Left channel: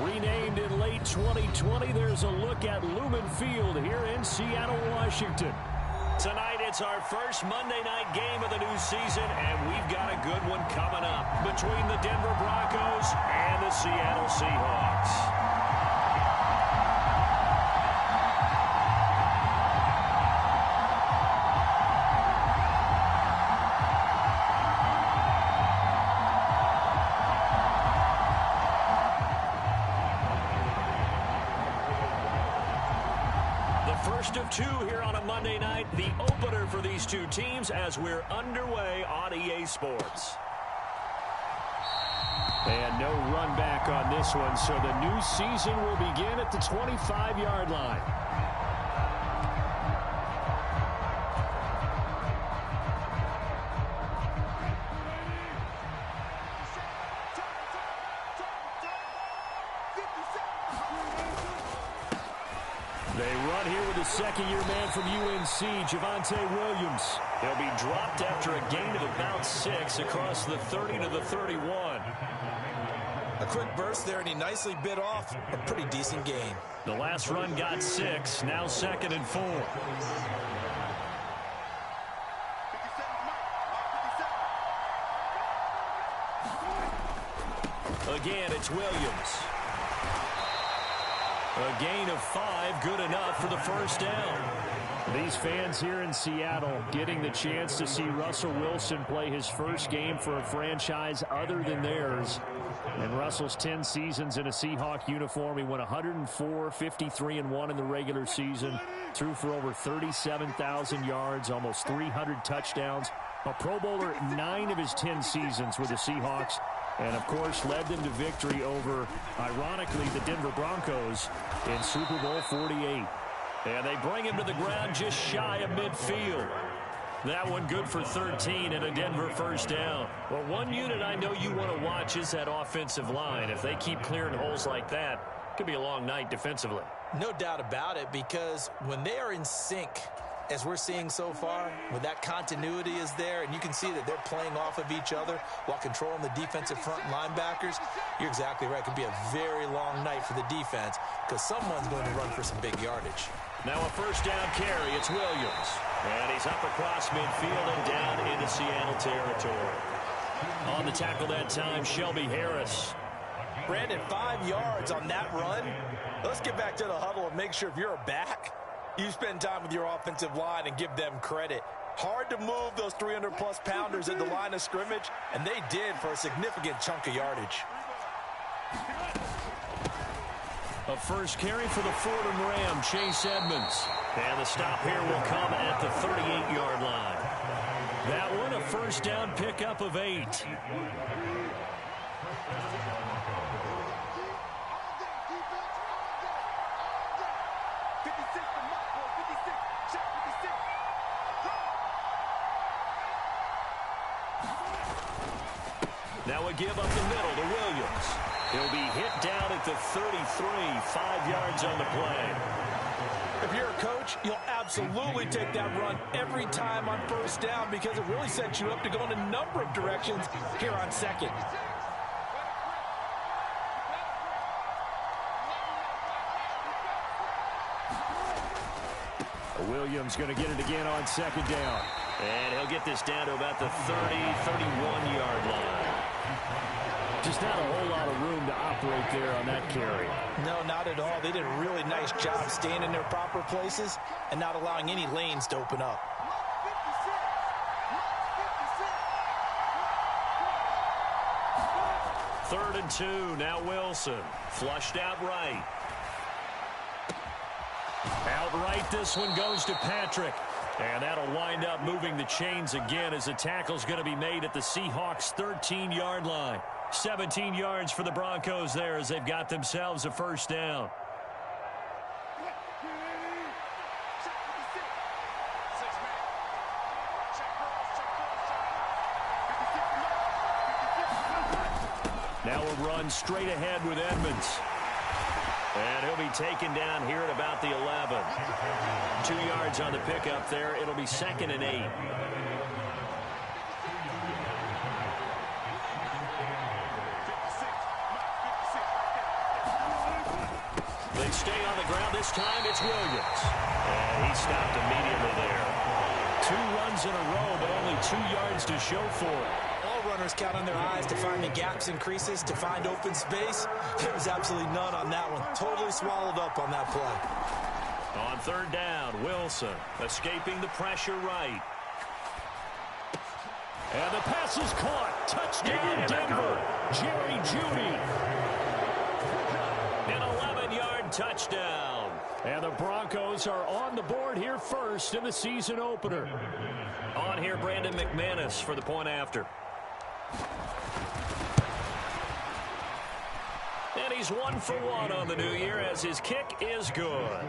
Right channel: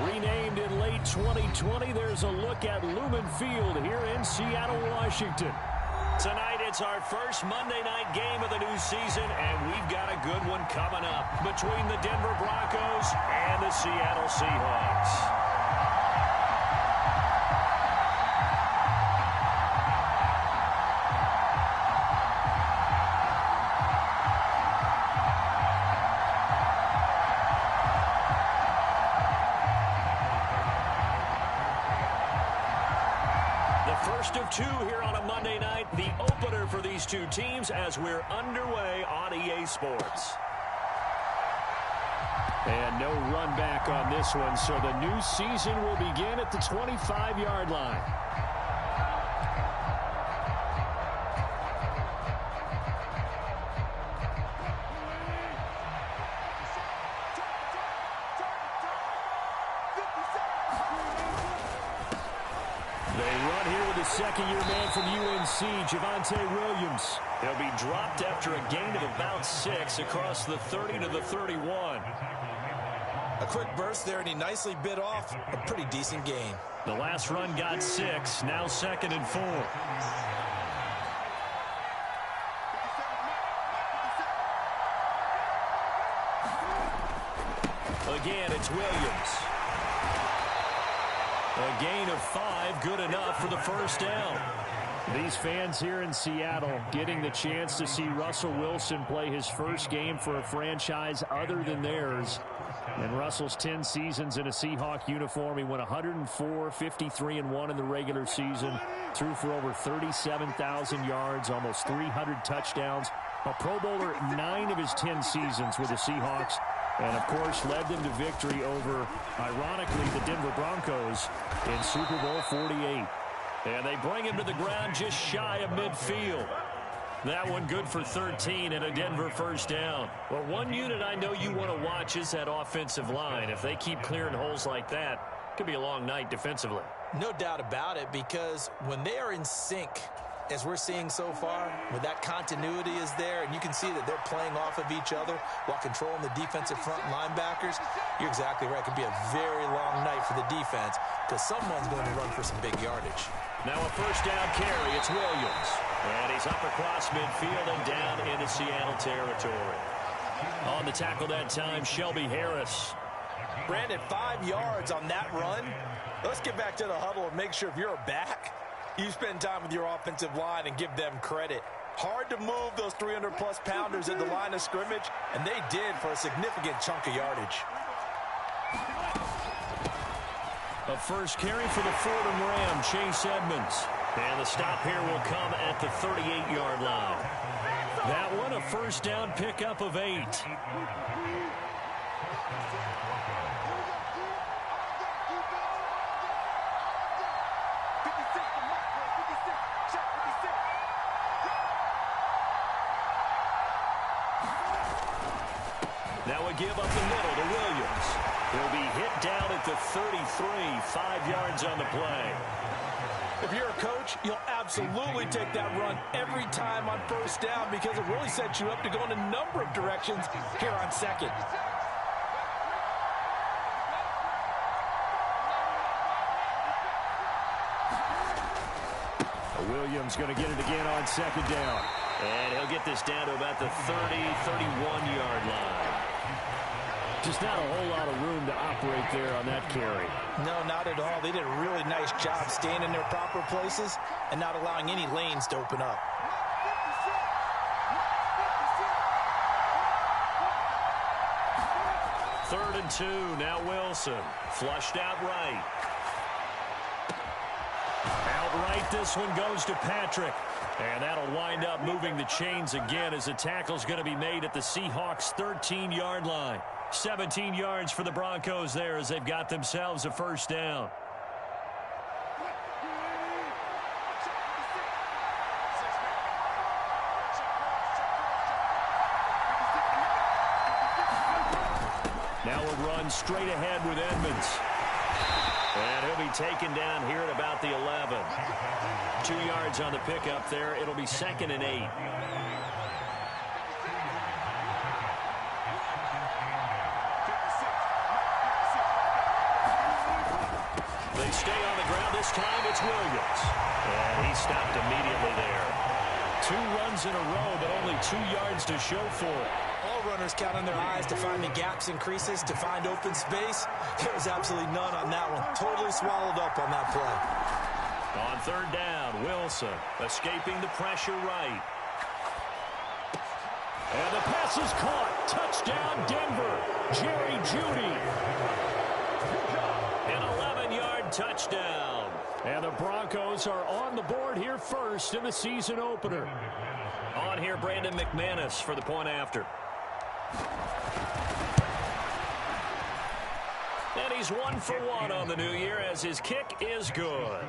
Renamed in late 2020, there's a look at Lumen Field here in Seattle, Washington. Tonight, it's our first Monday night game of the new season, and we've got a good one coming up between the Denver Broncos and the Seattle Seahawks. First of two here on a Monday night, the opener for these two teams as we're underway on EA Sports. And no run back on this one, so the new season will begin at the 25-yard line. Second-year man from UNC, Javonte Williams. He'll be dropped after a gain of about 6 across the 30 to the 31. A quick burst there, and he nicely bit off a pretty decent gain. The last run got 6, now 2nd and 4. Again, it's Williams. A gain of 5, good enough for the first down. These fans here in Seattle getting the chance to see Russell Wilson play his first game for a franchise other than theirs. In Russell's 10 seasons in a Seahawk uniform, he went 104, 53-1 in the regular season, threw for over 37,000 yards, almost 300 touchdowns. A Pro Bowler 9 of his 10 seasons with the Seahawks. And, of course, led them to victory over, ironically, the Denver Broncos in Super Bowl 48. And they bring him to the ground just shy of midfield. That one good for 13 and a Denver first down. Well, one unit I know you want to watch is that offensive line. If they keep clearing holes like that, it could be a long night defensively. No doubt about it, because when they are in sync, as we're seeing so far, when that continuity is there and you can see that they're playing off of each other while controlling the defensive front linebackers, you're exactly right. It could be a very long night for the defense because someone's going to run for some big yardage. Now a first down carry. It's Williams. And he's up across midfield and down into Seattle territory. On the tackle that time, Shelby Harris. Brandon, 5 yards on that run. Let's get back to the huddle and make sure if you're a back, you spend time with your offensive line and give them credit. Hard to move those 300-plus pounders at the line of scrimmage, and they did for a significant chunk of yardage. A first carry for the Fordham Ram, Chase Edmonds. And the stop here will come at the 38-yard line. That one, a first down pickup of 8. Now a give up the middle to Williams. He'll be hit down at the 33, 5 yards on the play. If you're a coach, you'll absolutely take that run every time on first down because it really sets you up to go in a number of directions here on second. Williams going to get it again on second down. And he'll get this down to about the 30, 31-yard line. Just not a whole lot of room to operate there on that carry. No, not at all. They did a really nice job staying in their proper places and not allowing any lanes to open up. Third and 2. Now Wilson. Flushed out right. Outright, this one goes to Patrick. And that'll wind up moving the chains again as the tackle's going to be made at the Seahawks' 13-yard line. 17 yards for the Broncos there as they've got themselves a first down. Now a run straight ahead with Edmonds. And he'll be taken down here at about the 11. 2 yards on the pickup there. It'll be 2nd and 8. They stay on the ground. This time it's Williams. And he stopped immediately there. 2 runs in a row, but only 2 yards to show for it. All runners count on their eyes to find the gaps and creases, to find open space. There was absolutely none on that one. Totally swallowed up on that play. On 3rd down, Wilson escaping the pressure right. And the pass is caught. Touchdown, Denver. Jerry Jeudy. An 11-yard touchdown. And the Broncos are on the board here first in the season opener. On here, Brandon McManus for the point after. And he's 1 for 1 on the new year as his kick is good.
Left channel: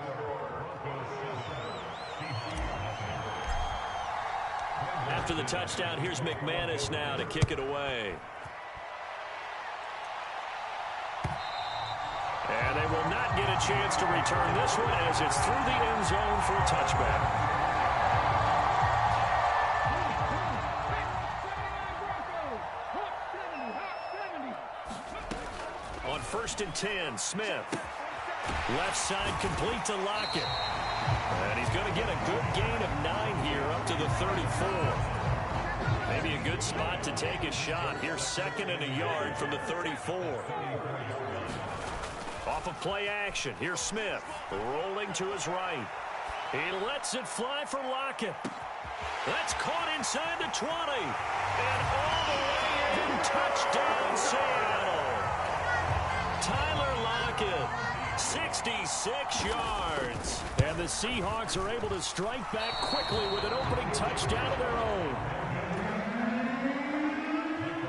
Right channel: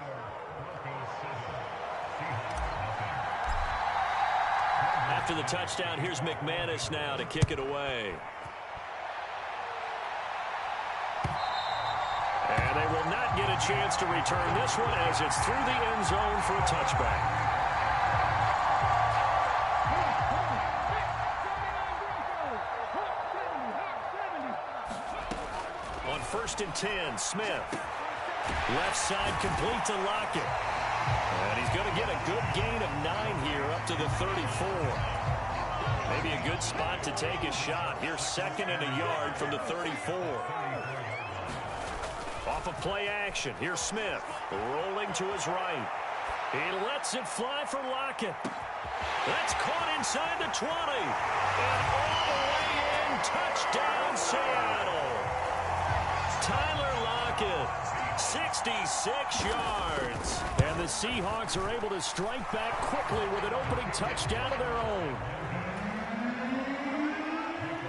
After the touchdown, here's McManus now to kick it away. And they will not get a chance to return this one as it's through the end zone for a touchback. On 1st and 10, Smith. Left side complete to Lockett. And he's going to get a good gain of 9 here up to the 34. Maybe a good spot to take a shot. Here's 2nd and a yard from the 34. Off of play action. Here's Smith rolling to his right. He lets it fly for Lockett. That's caught inside the 20. And all the way in. Touchdown, Seattle. Tyler Lockett. 66 yards. And the Seahawks are able to strike back quickly with an opening touchdown of their own.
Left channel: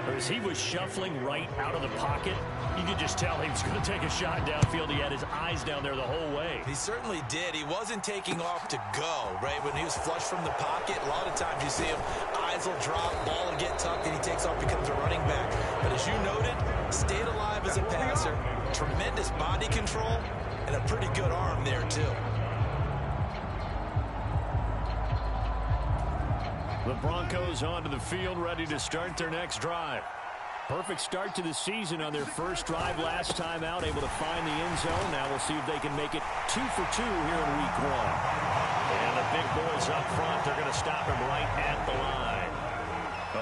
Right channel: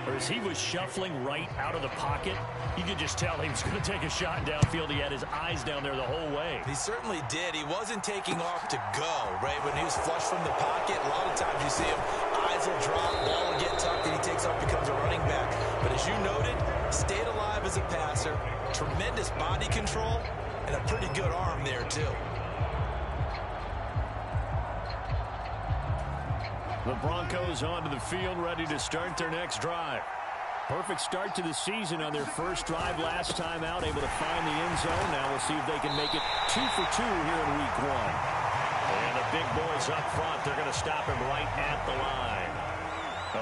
As he was shuffling right out of the pocket, you could just tell he was going to take a shot downfield. He had his eyes down there the whole way. He certainly did. He wasn't taking off to go, right? When he was flush from the pocket, a lot of times you see him, eyes will drop, ball will get tucked, and he takes off, becomes a running back. But as you noted, stayed alive as a passer, tremendous body control, and a pretty good arm there, too. The Broncos onto the field, ready to start their next drive. Perfect start to the season on their first drive last time out, able to find the end zone. Now we'll see if they can make it 2 for 2 here in week 1. And the big boys up front, they're going to stop him right at the line.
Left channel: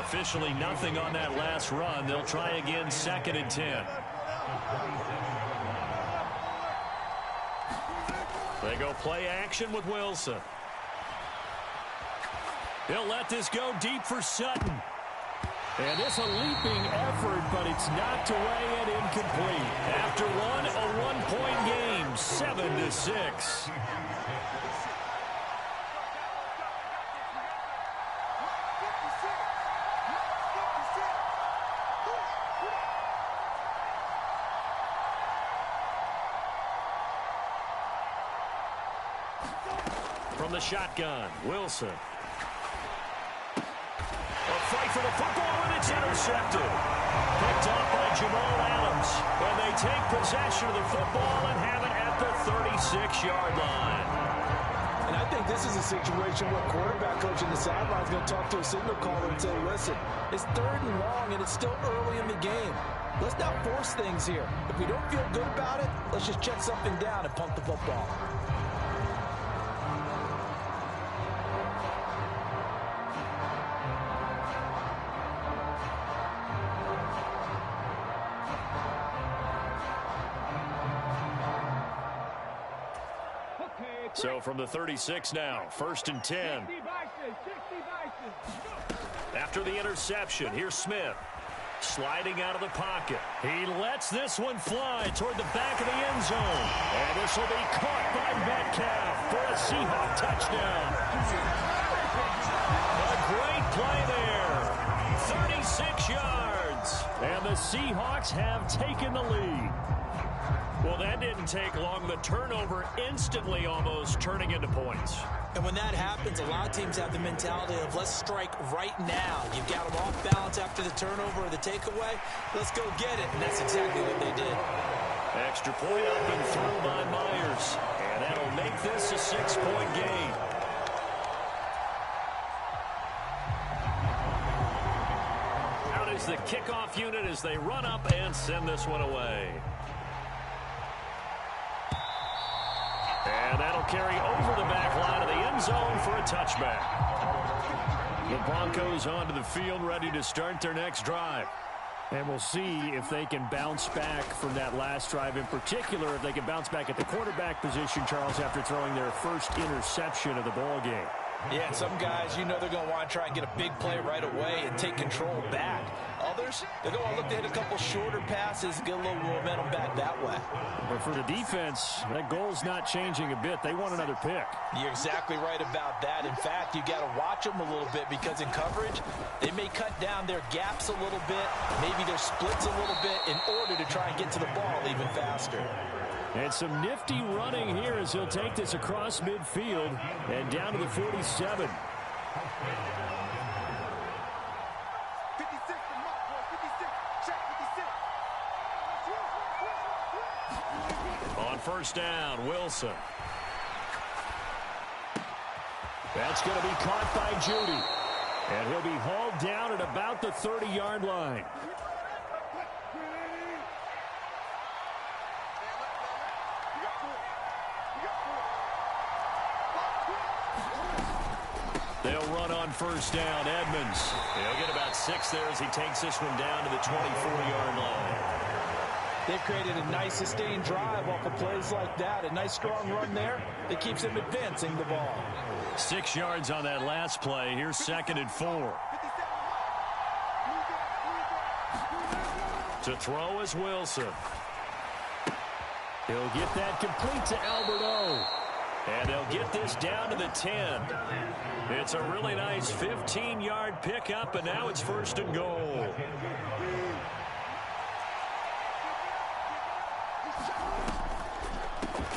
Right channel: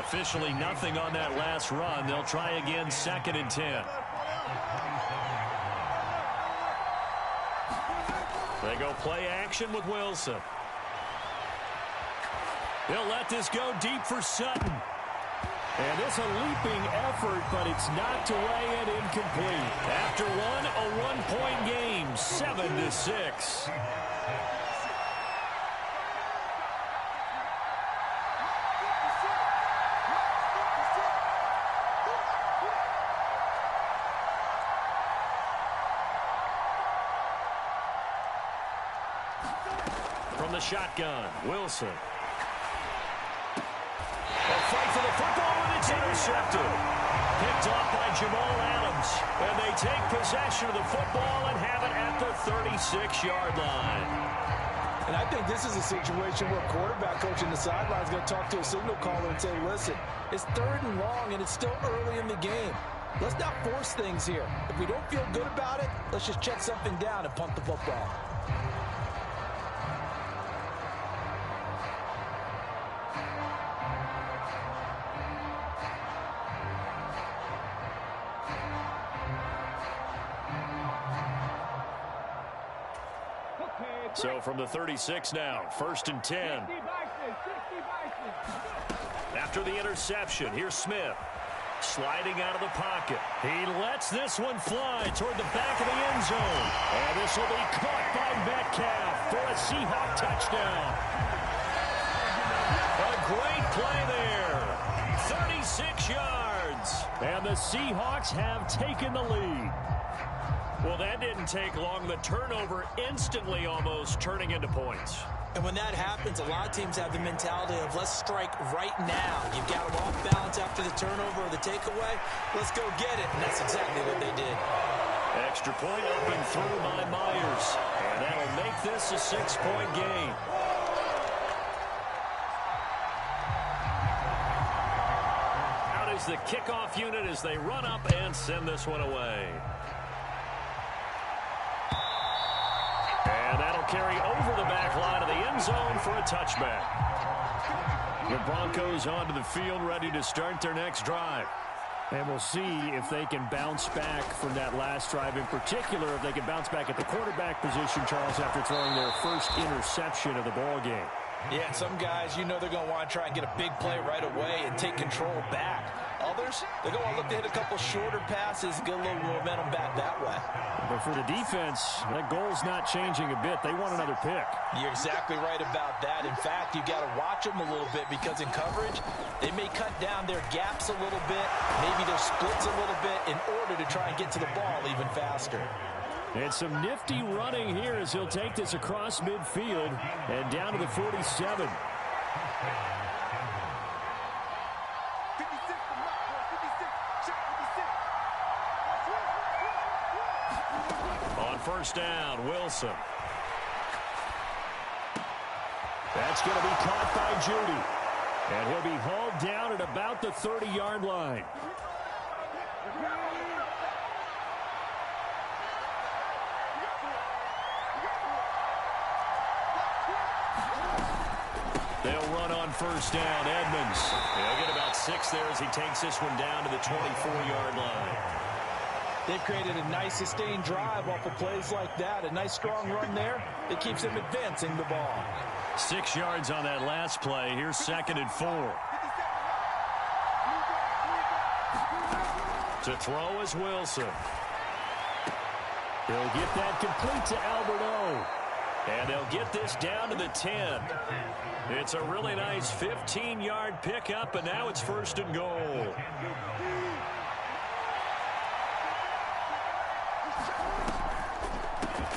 Officially nothing on that last run. They'll try again 2nd and 10. They go play action with Wilson. He'll let this go deep for Sutton. And it's a leaping effort, but it's knocked away and incomplete. After one, a one-point game, 7-6. From the shotgun, Wilson. A fight for the football, and it's intercepted. Picked off by Jamal Adams. And they take possession of the football and have it at the 36-yard line. And I think this is a situation where quarterback coach in the sideline is going to talk to a signal caller and say, listen, it's 3rd and long, and it's still early in the game. Let's not force things here. If we don't feel good about it, let's just check something down and punt the football. So from the 36 now, 1st and 10. After the interception, here's Smith. Sliding out of the pocket. He lets this one fly toward the back of the end zone. And this will be caught by Metcalf for a Seahawk touchdown. A great play there. 36 yards. And the Seahawks have taken the lead. Well, that didn't take long. The turnover instantly almost turning into points. And when that happens, a lot of teams have the mentality of let's strike right now. You've got them off balance after the turnover or the takeaway. Let's go get it. And that's exactly what they did. Extra point up and through by Myers. And that'll make this a 6-point game. Out is the kickoff unit as they run up and send this one away. And that'll carry over the back line of the end zone for a touchback. The Broncos onto the field, ready to start their next drive. And we'll see if they can bounce back from that last drive, in particular, if they can bounce back at the quarterback position, Charles, after throwing their first interception of the ball game. Yeah, and some guys, you know they're going to want to try and get a big play right away and take control back. Others, they're going to look to hit a couple shorter passes, get a little momentum back that way. But for the defense, that goal's not changing a bit. They want another pick. You're exactly right about that. In fact, you got to watch them a little bit because in coverage, they may cut down their gaps a little bit, maybe their splits a little bit in order to try and get to the ball even faster. And some nifty running here as he'll take this across midfield and down to the 47. On first down, Wilson. That's going to be caught by Judy. And he'll be hauled down at about the 30-yard line. They'll run on first down. Edmonds. He'll get about 6 there as he takes this one down to the 24-yard line. They've created a nice sustained drive off of plays like that. A nice strong run there that keeps them advancing the ball. 6 yards on that last play. Here's 2nd and 4. To throw is Wilson. He'll get that complete to Alberto. And they'll get this down to the 10. It's a really nice 15-yard pickup, and now it's 1st and goal.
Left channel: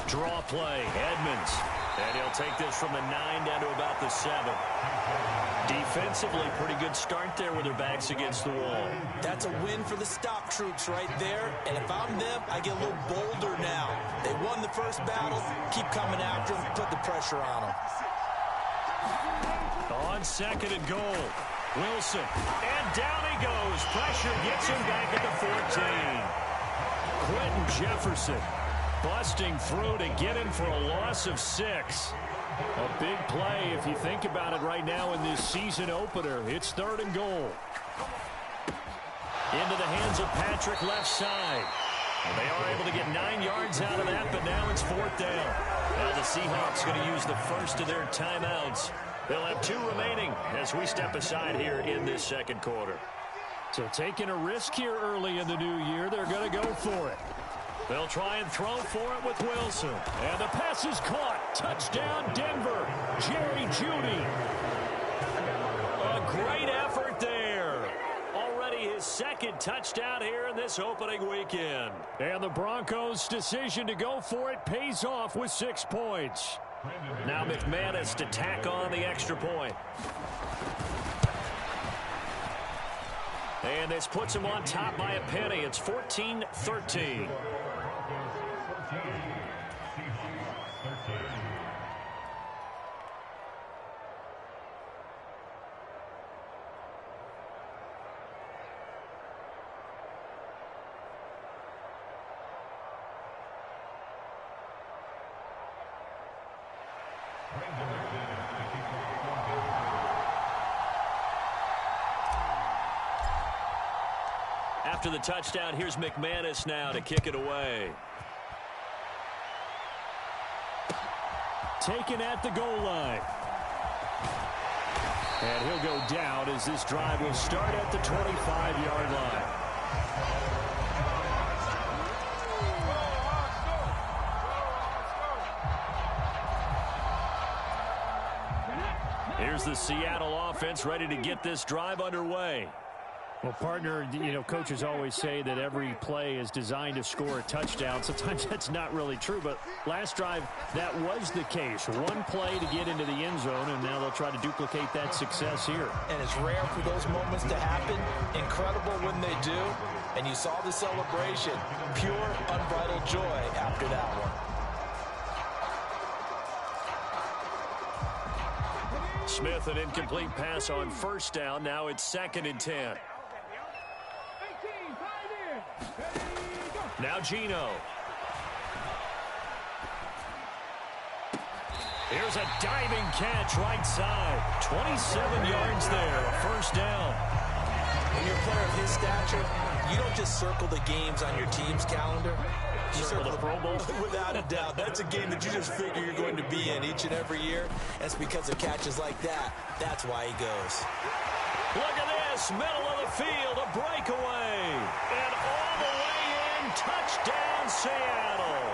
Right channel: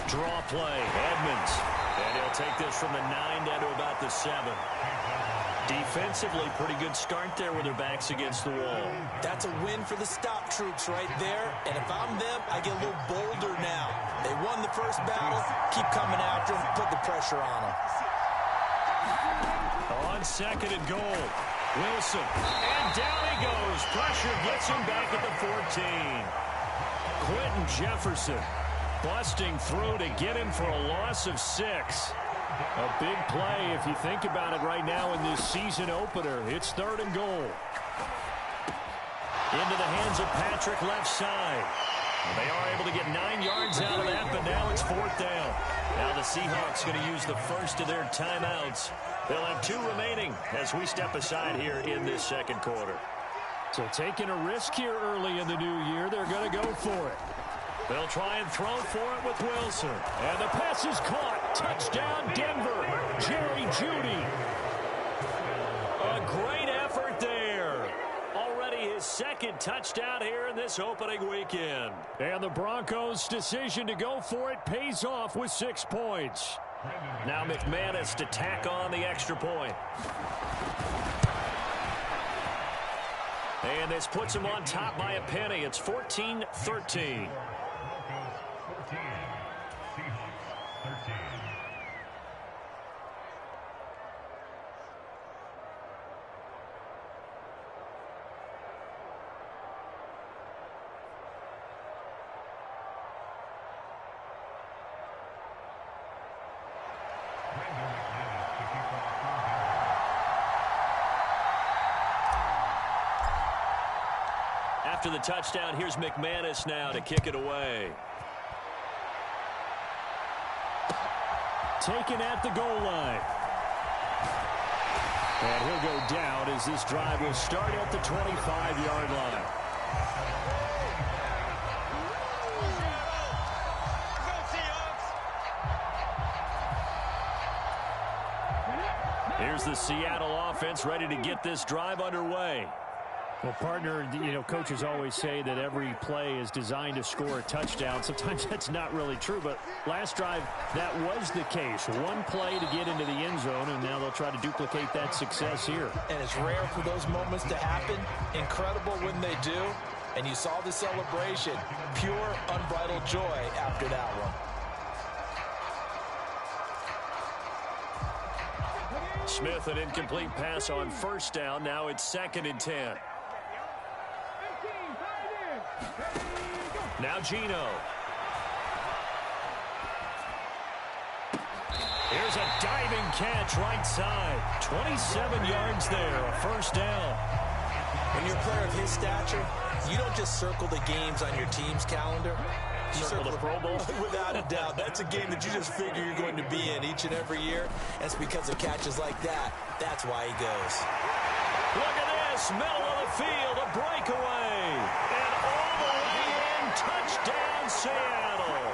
Draw play, Edmonds. And he'll take this from the 9 down to about the 7. Defensively, pretty good start there with their backs against the wall. That's a win for the stop troops right there. And if I'm them, I get a little bolder now. They won the first battle. Keep coming after them. Put the pressure on them. On 2nd and goal, Wilson. And down he goes. Pressure gets him back at the 14. Quentin Jefferson busting through to get him for a loss of 6. A big play if you think about it right now in this season opener. It's 3rd and goal. Into the hands of Patrick left side. And they are able to get 9 yards out of that, but now it's 4th down. Now the Seahawks going to use the first of their timeouts. They'll have 2 remaining as we step aside here in this 2nd quarter. So taking a risk here early in the new year, they're going to go for it. They'll try and throw for it with Wilson. And the pass is caught. Touchdown, Denver. Jerry Jeudy. A great effort there. Already his 2nd touchdown here in this opening weekend. And the Broncos' decision to go for it pays off with 6 points. Now McManus to tack on the extra point. And this puts him on top by a penny. It's 14-13. After the touchdown, here's McManus now to kick it away. Taken at the goal line. And he'll go down as this drive will start at the 25-yard line. Here's the Seattle offense ready to get this drive underway. Well, partner, you know, coaches always say that every play is designed to score a touchdown. Sometimes that's not really true, but last drive, that was the case. One play to get into the end zone, and now they'll try to duplicate that success here. And it's rare for those moments to happen. Incredible when they do. And you saw the celebration. Pure, unbridled joy after that one. Smith, an incomplete pass on first down. Now it's 2nd and 10. Now Geno. Here's a diving catch right side. 27 yards there, a first down. When you're a player of his stature, you don't just circle the games on your team's calendar. You circle the Pro Bowl? Without a doubt. That's a game that you just figure you're going to be in each and every year. That's because of catches like that. That's why he goes. Look at this, middle of the field, a breakaway. And all the way in, touchdown Seattle.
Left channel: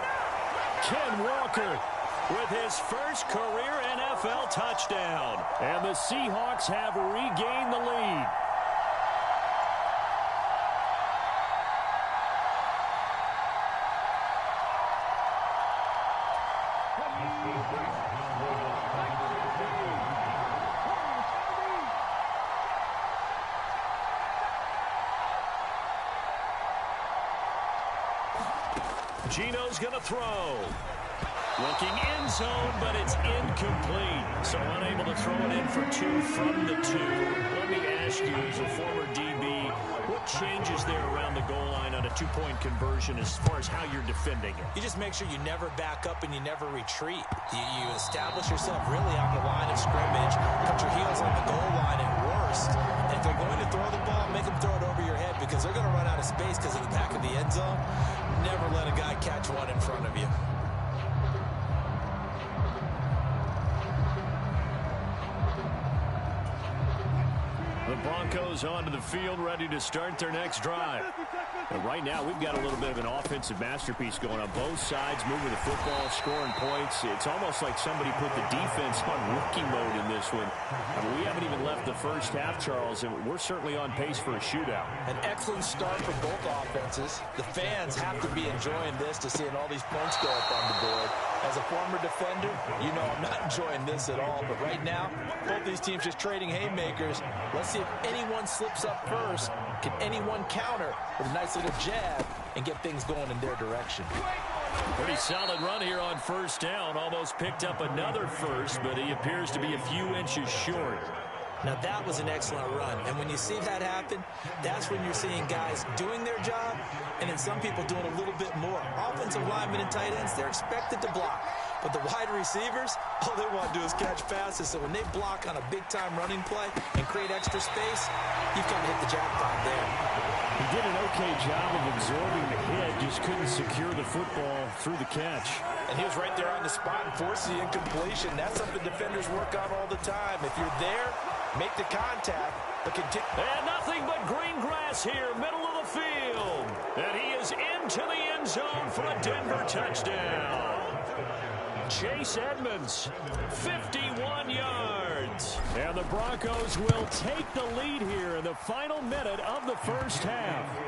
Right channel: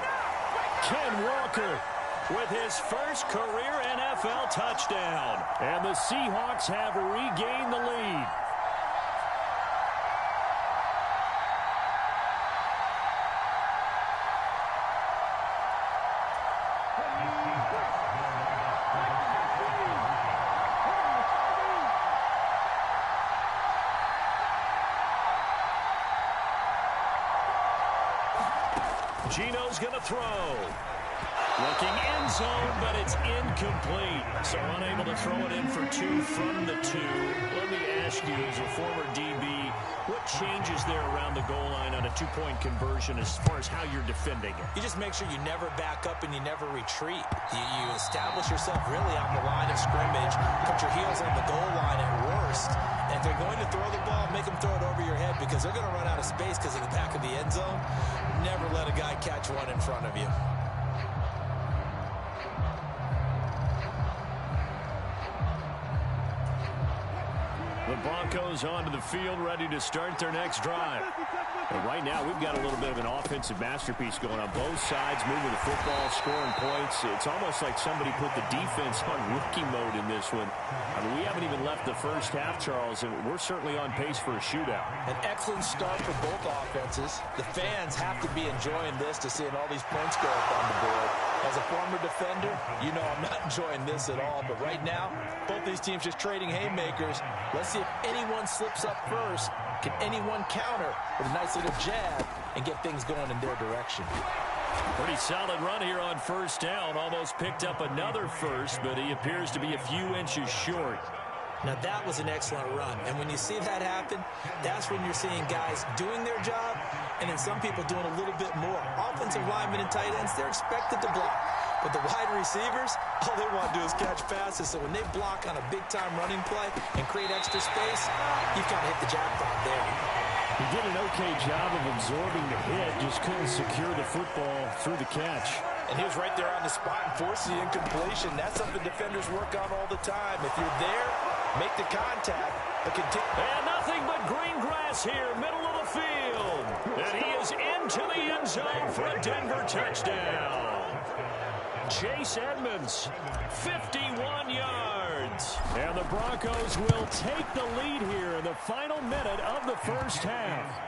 Ken Walker with his first career NFL touchdown. And the Seahawks have regained the lead. Gino's going to throw. Looking end zone, but it's incomplete. So unable to throw it in for 2 from the 2. Let me ask you, as a former DB, what changes there around the goal line on a 2-point conversion as far as how you're defending it? You just make sure you never back up and you never retreat. You establish yourself really on the line of scrimmage, put your heels on the goal line at worst, and if they're going to throw the ball, make them throw it over your head because they're going to run out of space because of the back of the end zone. Never let a guy catch one in front of you. The Broncos onto the field, ready to start their next drive. And right now, we've got a little bit of an offensive masterpiece going on both sides, moving the football, scoring points. It's almost like somebody put the defense on rookie mode in this one. I mean, we haven't even left the first half, Charles, and we're certainly on pace for a shootout. An excellent start for both offenses. The fans have to be enjoying this to seeing all these points go up on the board. As a former defender, you know I'm not enjoying this at all. But right now, both these teams just trading haymakers. Let's see if anyone slips up first. Can anyone counter with a nice little jab and get things going in their direction? Pretty solid run here on first down. Almost picked up another first, but he appears to be a few inches short. Now, that was an excellent run. And when you see that happen, that's when you're seeing guys doing their job and then some people doing a little bit more. Offensive linemen and tight ends, they're expected to block. But the wide receivers, all they want to do is catch passes. So when they block on a big-time running play and create extra space, you've got to hit the jackpot there. He did an okay job of absorbing the hit, just couldn't secure the football through the catch. And he was right there on the spot and forced the incompletion. That's something defenders work on all the time. If you're there, make the contact, but continue. And nothing but green grass here, middle of the field. And he is into the end zone for a Denver touchdown. Chase Edmonds, 51 yards. And the Broncos will take the lead here in the final minute of the first half.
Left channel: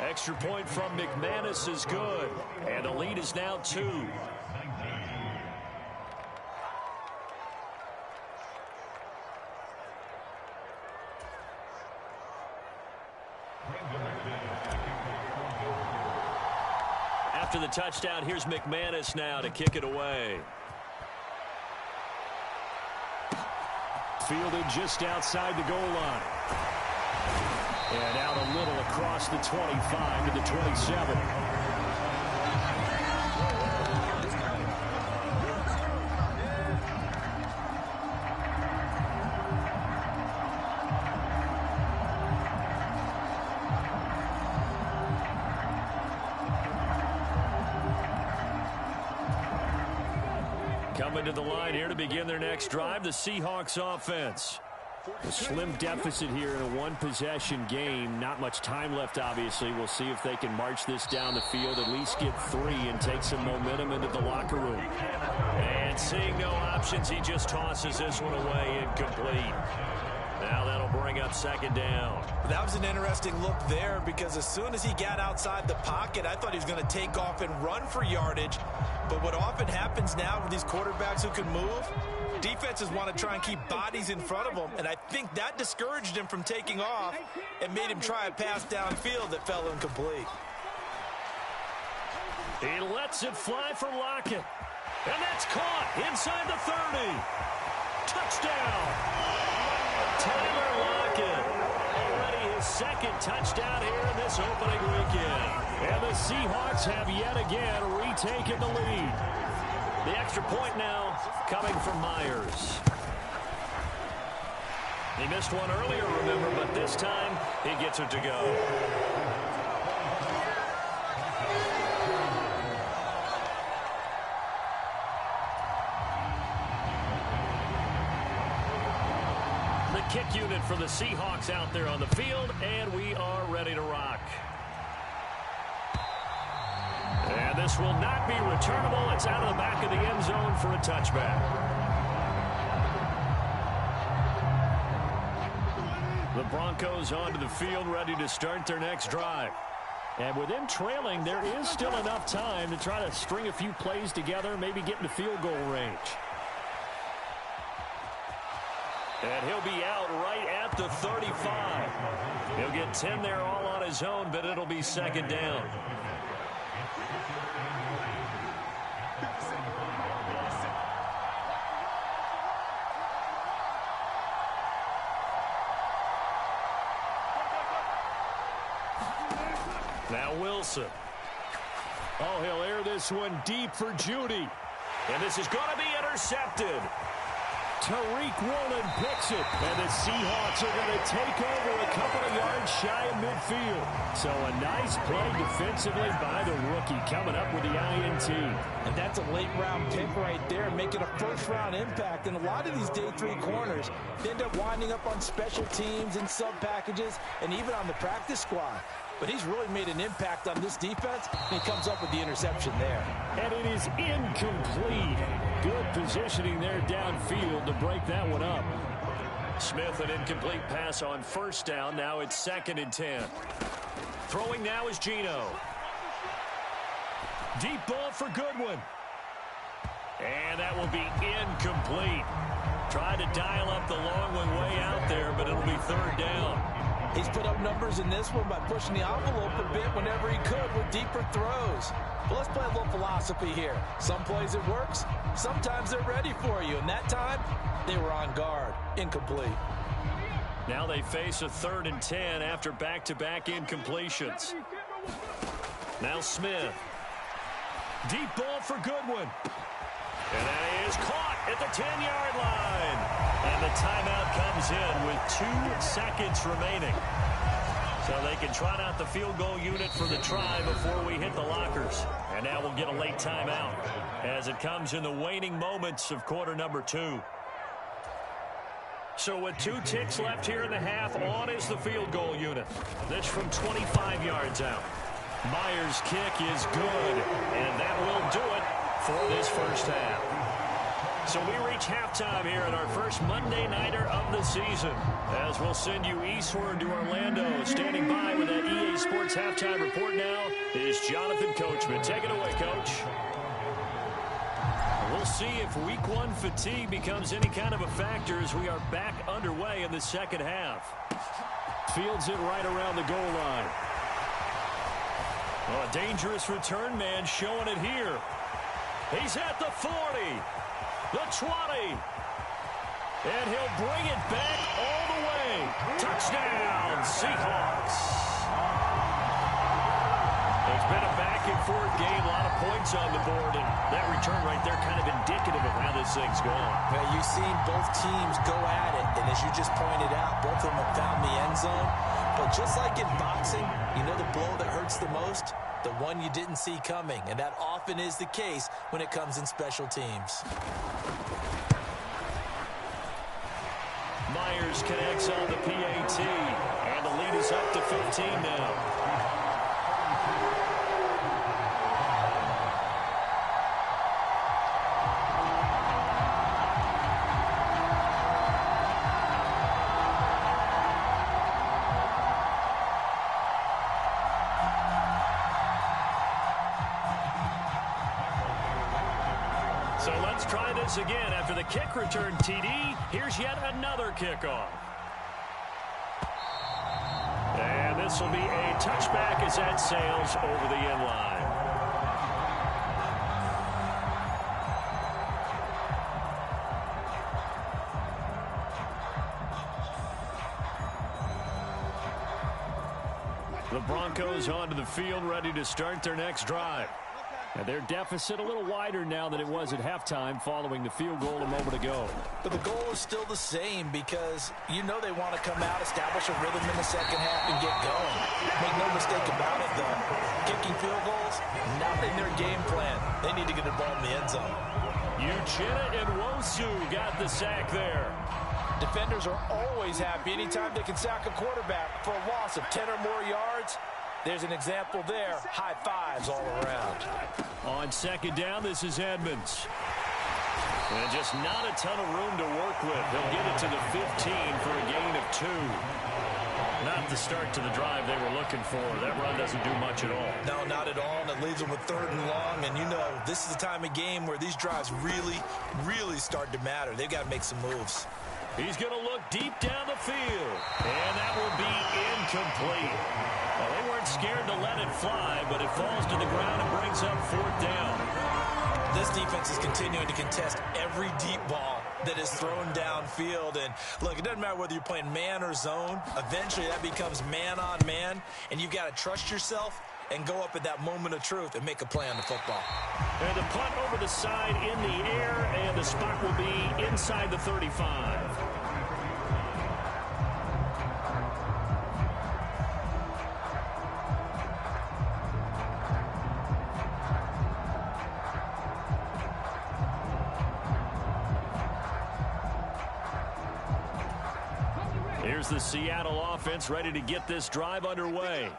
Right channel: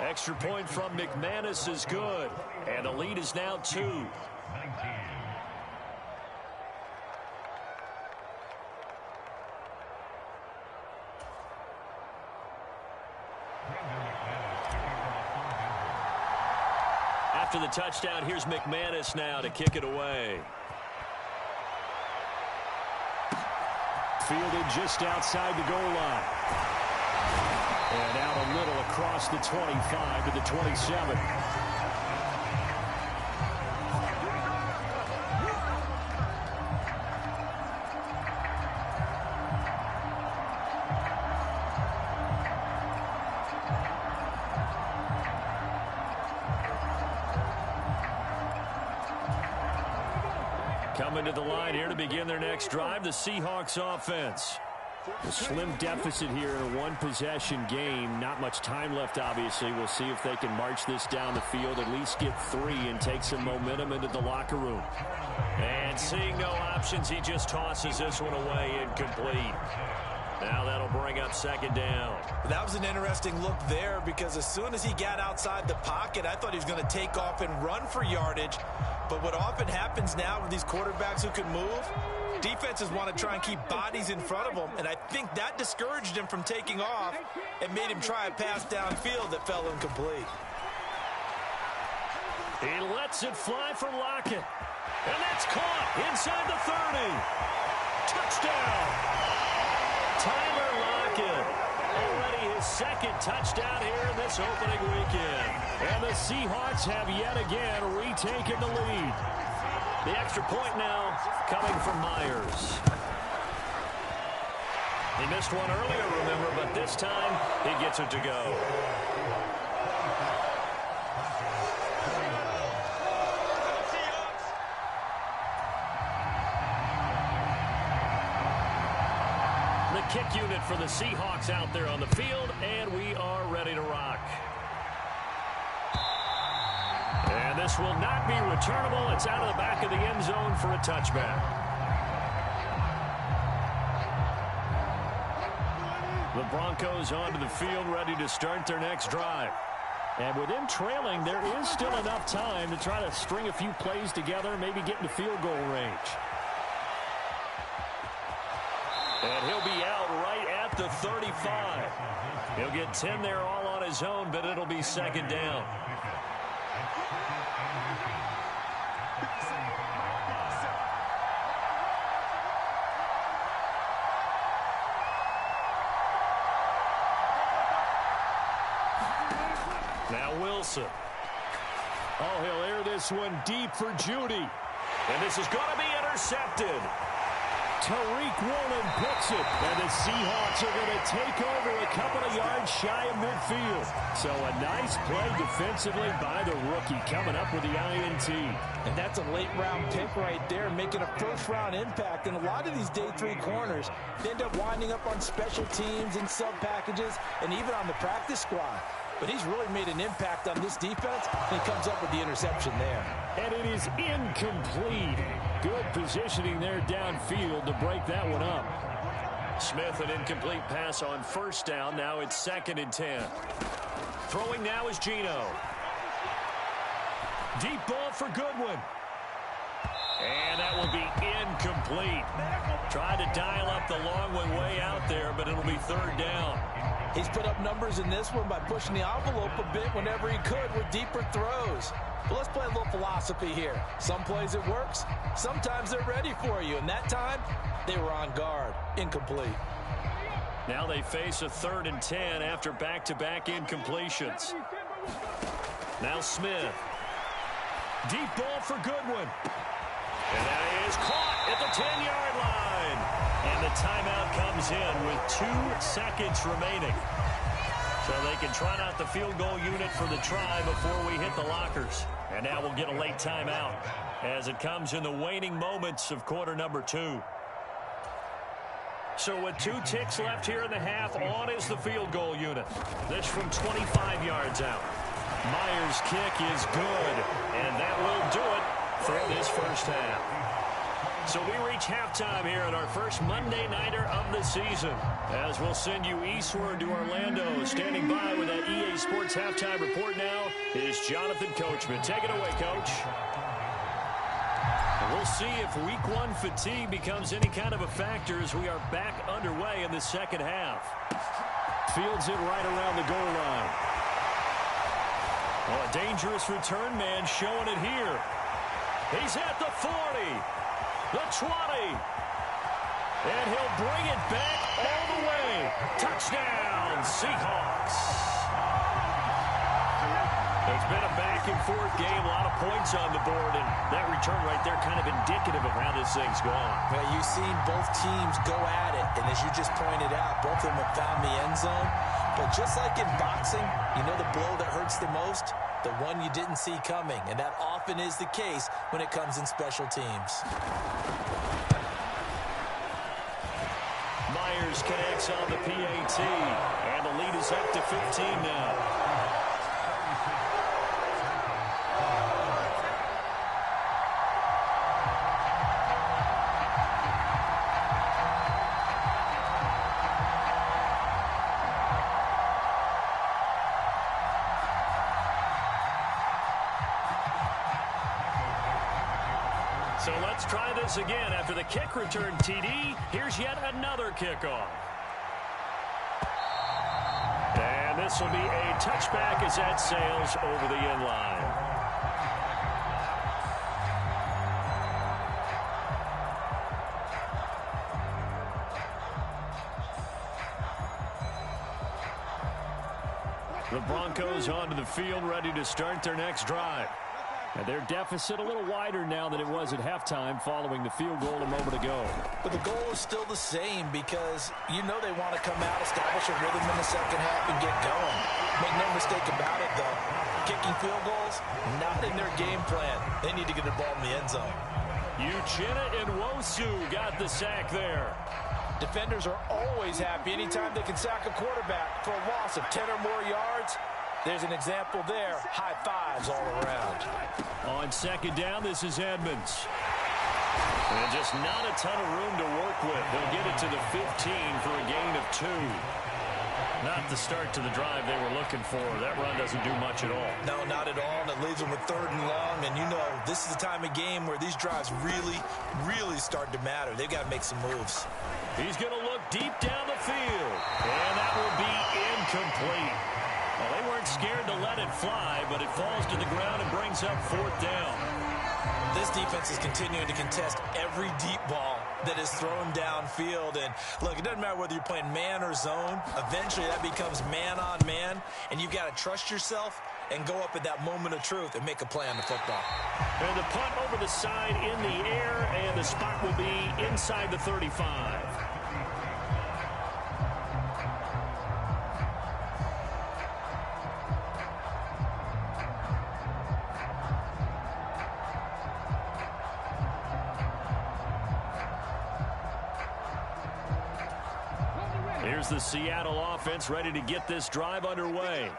Extra point from McManus is good. And the lead is now 2. After the touchdown, here's McManus now to kick it away. Fielded just outside the goal line. And out a little across the 25 to the 27. Coming to the line here to begin their next drive, the Seahawks offense. A slim deficit here in a one-possession game. Not much time left, obviously. We'll see if they can march this down the field, at least get 3 and take some momentum into the locker room. And seeing no options, he just tosses this one away, incomplete. Now that'll bring up second down. That was an interesting look there because as soon as he got outside the pocket, I thought he was going to take off and run for yardage. But what often happens now with these quarterbacks who can move, defenses want to try and keep bodies in front of them, and I think that discouraged him from taking off and made him try a pass downfield that fell incomplete. He lets it fly for Lockett, and that's caught inside the 30. Touchdown! Tyler Lockett, already his second touchdown here in this opening weekend. And the Seahawks have yet again retaken the lead. The extra point now coming from Myers. He missed one earlier, remember, but this time he gets it to go. The kick unit for the Seahawks out there on the field, and we are ready to rock. And this will not be returnable. It's out of the back of the end zone for a touchback. The Broncos onto the field, ready to start their next drive. And with them trailing, there is still enough time to try to string a few plays together, maybe get into field goal range. And he'll be out right at the 35. He'll get 10 there all on his own, but it'll be second down. Now Wilson. Oh, he'll air this one deep for Judy. And this is going to be intercepted. Tariq Woolen picks it, and the Seahawks are going to take over a couple of yards shy of midfield. So a nice play defensively by the rookie, coming up with the INT. And that's a late-round pick right there, making a first-round impact. And a lot of these day 3 corners end up winding up on special teams and sub-packages and even on the practice squad. But he's really made an impact on this defense, and he comes up with the interception there. And it is incomplete. Good positioning there downfield to break that one up. Smith, an incomplete pass on first down. Now it's 2nd and 10. Throwing now is Geno. Deep ball for Goodwin. And that will be incomplete. Tried to dial up the long one way out there, but it'll be 3rd down. He's put up numbers in this one by pushing the envelope a bit whenever he could with deeper throws. But let's play a little philosophy here. Some plays it works. Sometimes they're ready for you. And that time, they were on guard. Incomplete. Now they face a 3rd and 10 after back-to-back incompletions. Now Smith. Deep ball for Goodwin. And that is caught at the 10-yard line. And the timeout comes in with 2 seconds remaining. So they can trot out the field goal unit for the try before we hit the lockers. And now we'll get a late timeout as it comes in the waning moments of quarter number 2. So with 2 ticks left here in the half, on is the field goal unit. This from 25 yards out. Myers' kick is good, and that will do it for this first half. So we reach halftime here in our first Monday Nighter of the season, as we'll send you eastward to Orlando. Standing by with that EA Sports halftime report now is Jonathan Coachman. Take it away, Coach. We'll see if week 1 fatigue becomes any kind of a factor as we are back underway in the second half. Fields it right around the goal line. Oh, a dangerous return man showing it here. He's at the 40, the 20, and he'll bring it back all the way. Touchdown, Seahawks. It's been a back-and-forth game, a lot of points on the board, and that return right there kind of indicative of how this thing's gone. Well, you've seen both teams go at it, and as you just pointed out, both of them have found the end zone. But just like in boxing, you know the blow that hurts the most? The one you didn't see coming, and that often is the case when it comes in special teams. Myers connects on the PAT, and the lead is up to 15 now. So let's try this again. After the kick return TD, here's yet another kickoff. And this will be a touchback as that sails over the end line. The Broncos onto the field, ready to start their next drive. And their deficit a little wider now than it was at halftime following the field goal a moment ago. But the goal is still the same because you know they want to come out, establish a rhythm in the second half, and get going. Make no mistake about it, though. Kicking field goals, not in their game plan. They need to get the ball in the end zone. Uchenna and Wosu got the sack there. Defenders are always happy anytime they can sack a quarterback for a loss of 10 or more yards. There's an example there. High fives all around. On second down, this is Edmonds. And just not a ton of room to work with. They'll get it to the 15 for a gain of 2. Not the start to the drive they were looking for. That run doesn't do much at all. No, not at all, and it leaves them with 3rd and long. And you know, this is the time of game where these drives really, really start to matter. They've got to make some moves. He's going to look deep down the field. And that will be incomplete. Well, they weren't scared to let it fly, but it falls to the ground and brings up 4th down. This defense is continuing to contest every deep ball that is thrown downfield. And, look, it doesn't matter whether you're playing man or zone. Eventually, that becomes man on man, and you've got to trust yourself and go up at that moment of truth and make a play on the football. And the punt over the side in the air, and the spot will be inside the 35. Here's the Seattle offense ready to get this drive underway.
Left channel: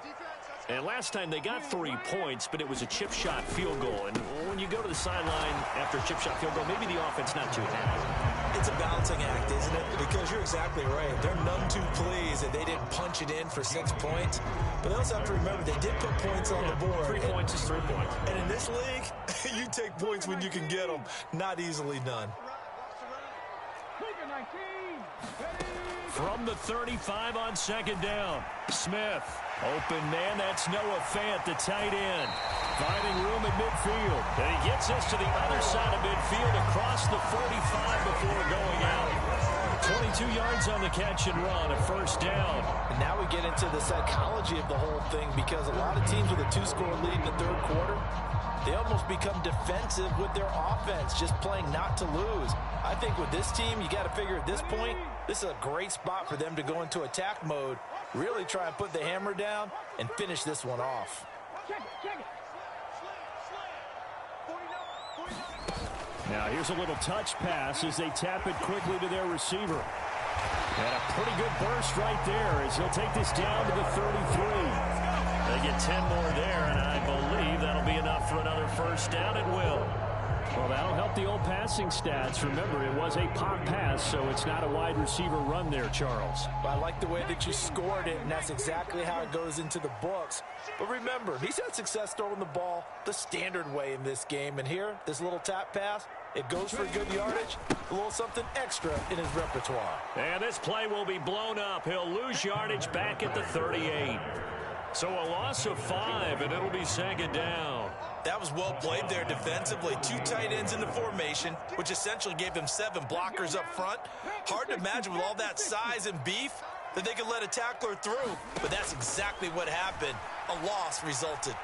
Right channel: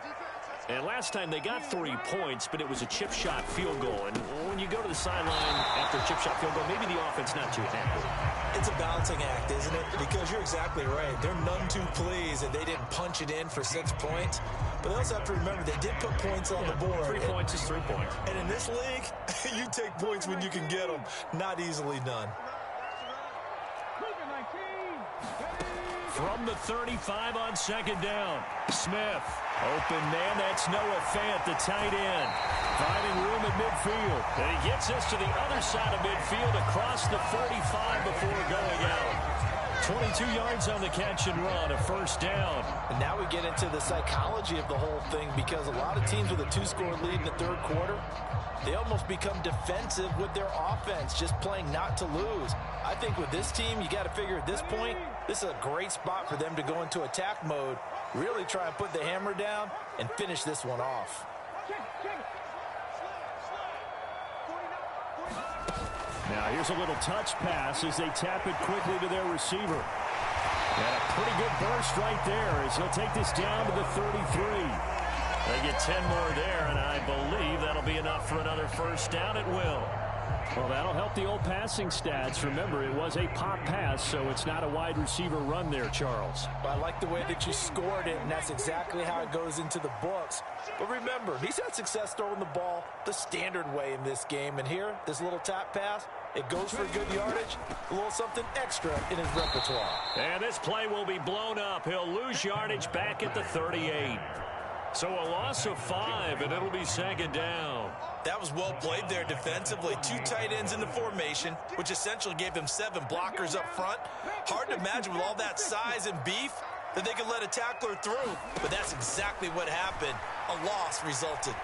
And last time they got 3 points, but it was a chip shot field goal. And when you go to the sideline after a chip shot field goal, maybe the offense not too happy. It's a balancing act, isn't it? Because you're exactly right. They're none too pleased that they didn't punch it in for 6 points. But they also have to remember they did put points on the board. 3 points is 3 points. And in this league, you take points when you can get them. Not easily done. From the 35 on second down, Smith. Open man, that's Noah Fant, the tight end. Finding room at midfield. And he gets us to the other side of midfield across the 45 before going out. 22 yards on the catch and run, a 1st down. And now we get into the psychology of the whole thing because a lot of teams with a 2-score lead in the 3rd quarter, they almost become defensive with their offense, just playing not to lose. I think with this team, you got to figure at this point, this is a great spot for them to go into attack mode, really try and put the hammer down and finish this one off. Now here's a little touch pass as they tap it quickly to their receiver. And a pretty good burst right there as he'll take this down to the 33. They get 10 more there, and I believe that'll be enough for another 1st down at will. Well, that'll help the old passing stats. Remember, it was a pop pass, so it's not a wide receiver run there, Charles. But I like the way that you scored it, and that's exactly how it goes into the books. But remember, he's had success throwing the ball the standard way in this game. And here, this little tap pass, it goes for good yardage, a little something extra in his repertoire. And this play will be blown up. He'll lose yardage back at the 38. So a loss of 5, and it'll be 2nd down. That was well played there defensively. 2 tight ends in the formation, which essentially gave them 7 blockers up front. Hard to imagine with all that size and beef that they could let a tackler through. But that's exactly what happened. A loss resulted.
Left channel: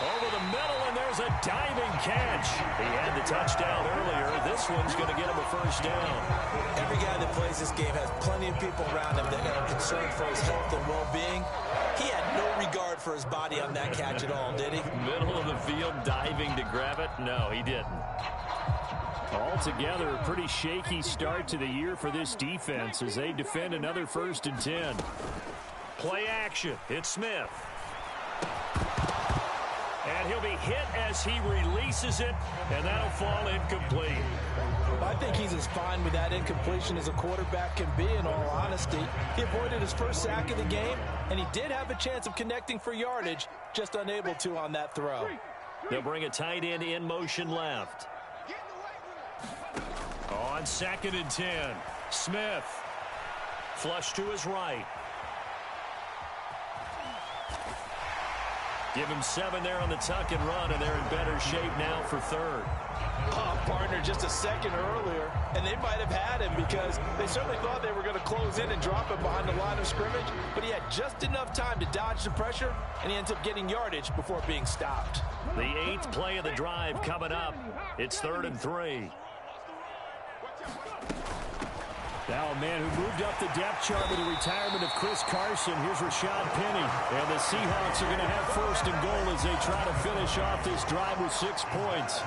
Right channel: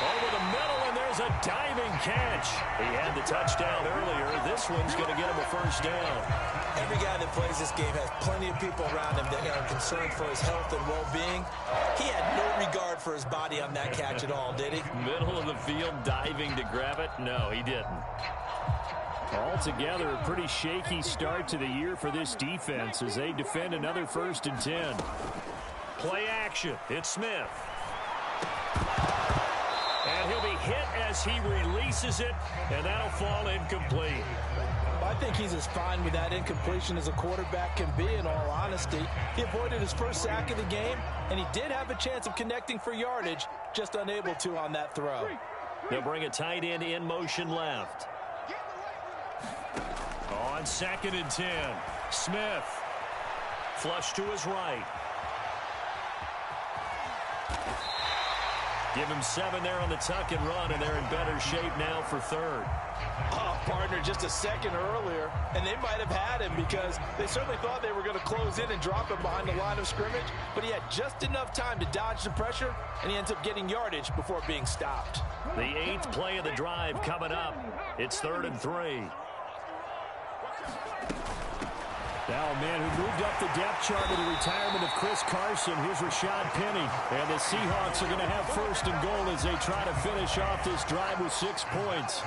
Over the middle, and there's a diving catch. He had the touchdown earlier. This one's going to get him a 1st down. Every guy that plays this game has plenty of people around him that are concerned for his health and well-being. He had no regard for his body on that catch at all, did he? Middle of the field, diving to grab it? No, he didn't. Altogether, a pretty shaky start to the year for this defense as they defend another 1st and 10. Play action. It's Smith. And he'll be hit as he releases it, and that'll fall incomplete. I think he's as fine with that incompletion as a quarterback can be, in all honesty. He avoided his 1st sack of the game, and he did have a chance of connecting for yardage, just unable to on that throw. They'll bring a tight end in motion left. On 2nd and 10, Smith. Flush to his right. Give him 7 there on the tuck and run, and they're in better shape now for third. Oh, partner, just a second earlier, and they might have had him because they certainly thought they were going to close in and drop him behind the line of scrimmage, but he had just enough time to dodge the pressure, and he ends up getting yardage before being stopped. The 8th play of the drive coming up. It's 3rd and 3. Now a man who moved up the depth chart with the retirement of Chris Carson. Here's Rashad Penny. And the Seahawks are going to have 1st and goal as they try to finish off this drive with 6 points.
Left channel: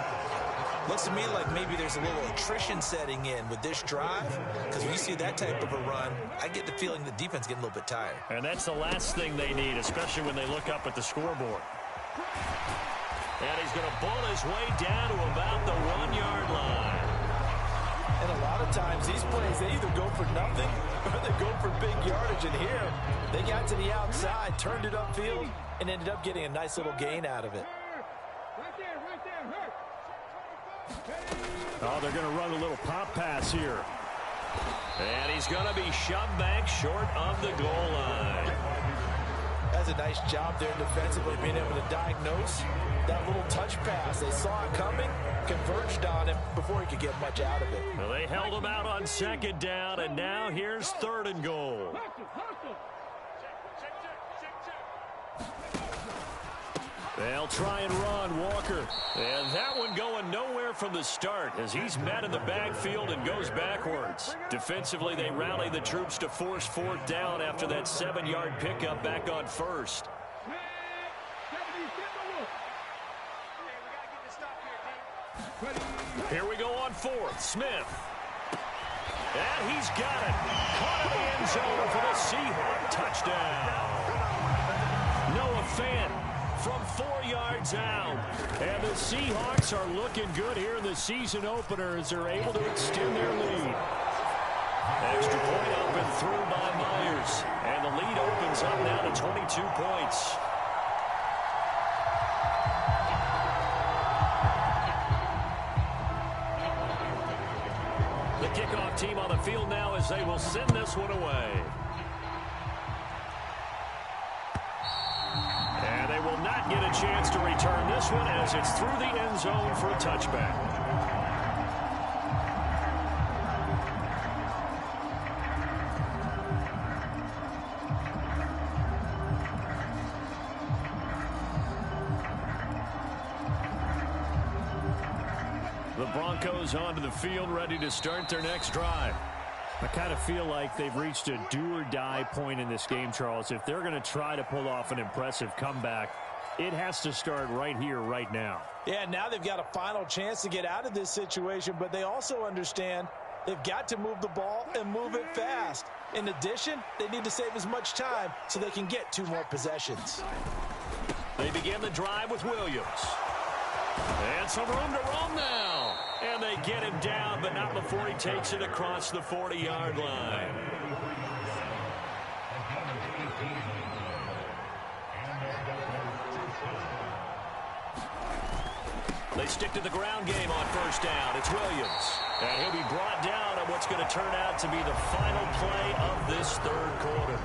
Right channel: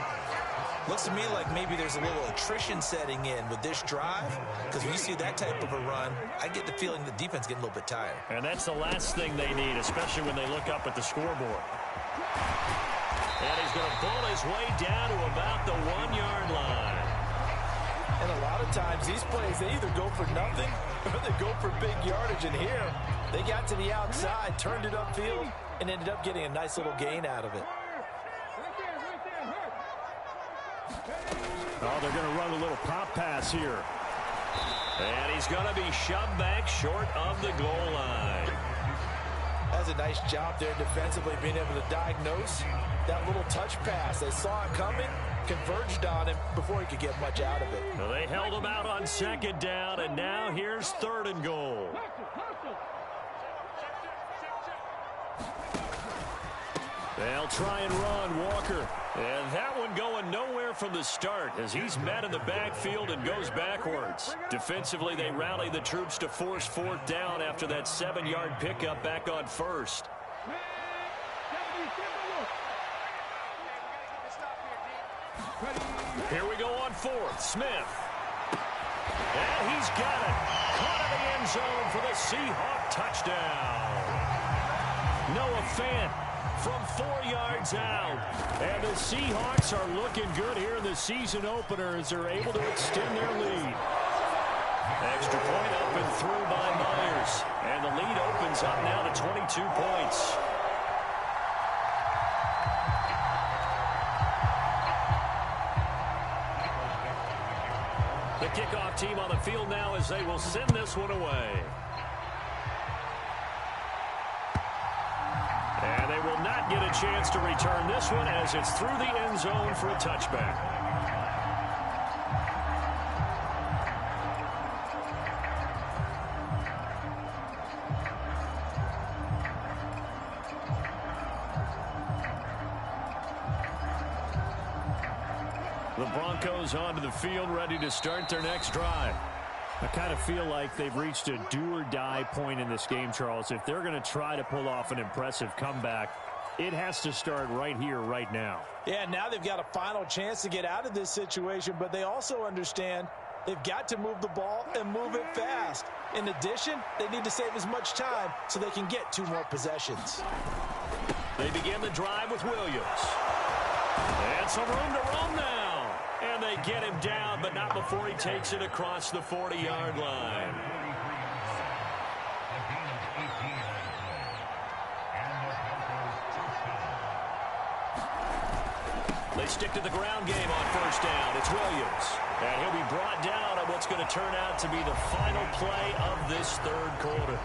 Looks to me like maybe there's a little attrition setting in with this drive, because when you see that type of a run, I get the feeling the defense getting a little bit tired. And that's the last thing they need, especially when they look up at the scoreboard. And he's going to bull his way down to about the 1-yard line. And a lot of times these plays, they either go for nothing or they go for big yardage. And here, they got to the outside, turned it upfield, and ended up getting a nice little gain out of it. Oh, they're going to run a little pop pass here. And he's going to be shoved back short of the goal line. That's a nice job there defensively, being able to diagnose that little touch pass. They saw it coming, converged on him before he could get much out of it. Well, they held him out on 2nd down, and now here's 3rd and goal. They'll try and run Walker. And that one going nowhere from the start as he's met in the backfield and goes backwards. Defensively, they rally the troops to force 4th down after that 7-yard pickup back on 1st. Here we go on 4th. Smith. And he's got it. Caught in the end zone for the Seahawk touchdown. Noah Fant from 4 yards out. And the Seahawks are looking good here in the season opener as they're able to extend their lead. Extra point up and through by Myers. And the lead opens up now to 22 points. The kickoff team on the field now as they will send this one away. And they will not get a chance to return this one as it's through the end zone for a touchback. The Broncos onto the field, ready to start their next drive. I kind of feel like they've reached a do-or-die point in this game, Charles. If they're going to try to pull off an impressive comeback, it has to start right here, right now. Yeah, now they've got a final chance to get out of this situation, but they also understand they've got to move the ball and move it fast. In addition, they need to save as much time so they can get 2 more possessions. They begin the drive with Williams. And some room to roam now. And they get him down, but not before he takes it across the 40-yard line. They stick to the ground game on 1st down. It's Williams. And he'll be brought down at what's going to turn out to be the final play of this 3rd quarter.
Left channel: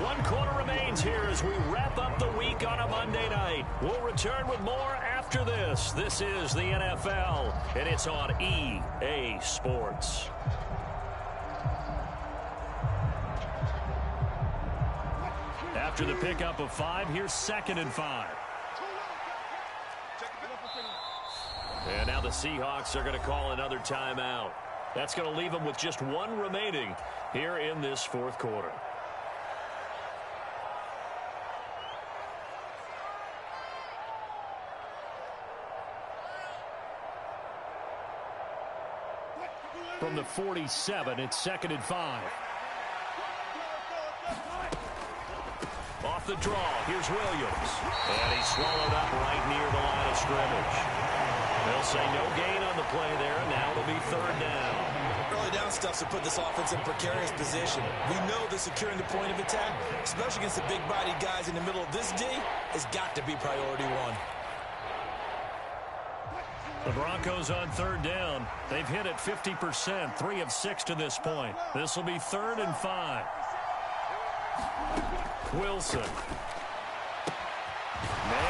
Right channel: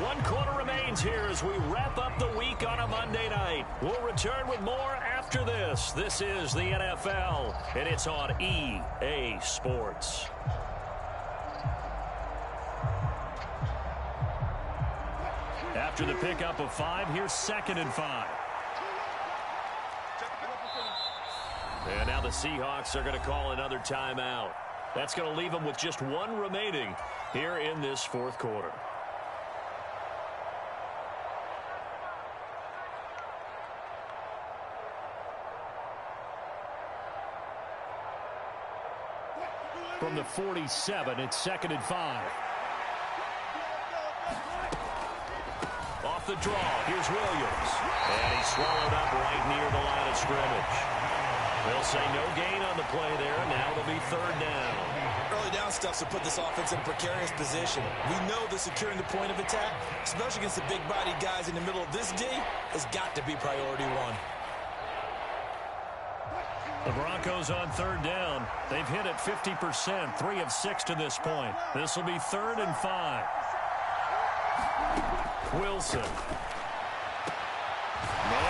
1 quarter remains here as we wrap up the week on a Monday night. We'll return with more after this. This is the NFL, and it's on EA Sports. After the pickup of 5, here's 2nd and 5. And now the Seahawks are going to call another timeout. That's going to leave them with just 1 remaining here in this 4th quarter. From the 47, it's 2nd and 5. Off the draw, here's Williams. And he's swallowed up right near the line of scrimmage. They'll say no gain on the play there. Now it'll be 3rd down. Early down stuff to put this offense in a precarious position. We know that securing the point of attack, especially against the big-bodied guys in the middle of this D, has got to be priority 1. The Broncos on 3rd down. They've hit it 50%, 3 of 6 to this point. This will be 3rd and 5. Wilson. Man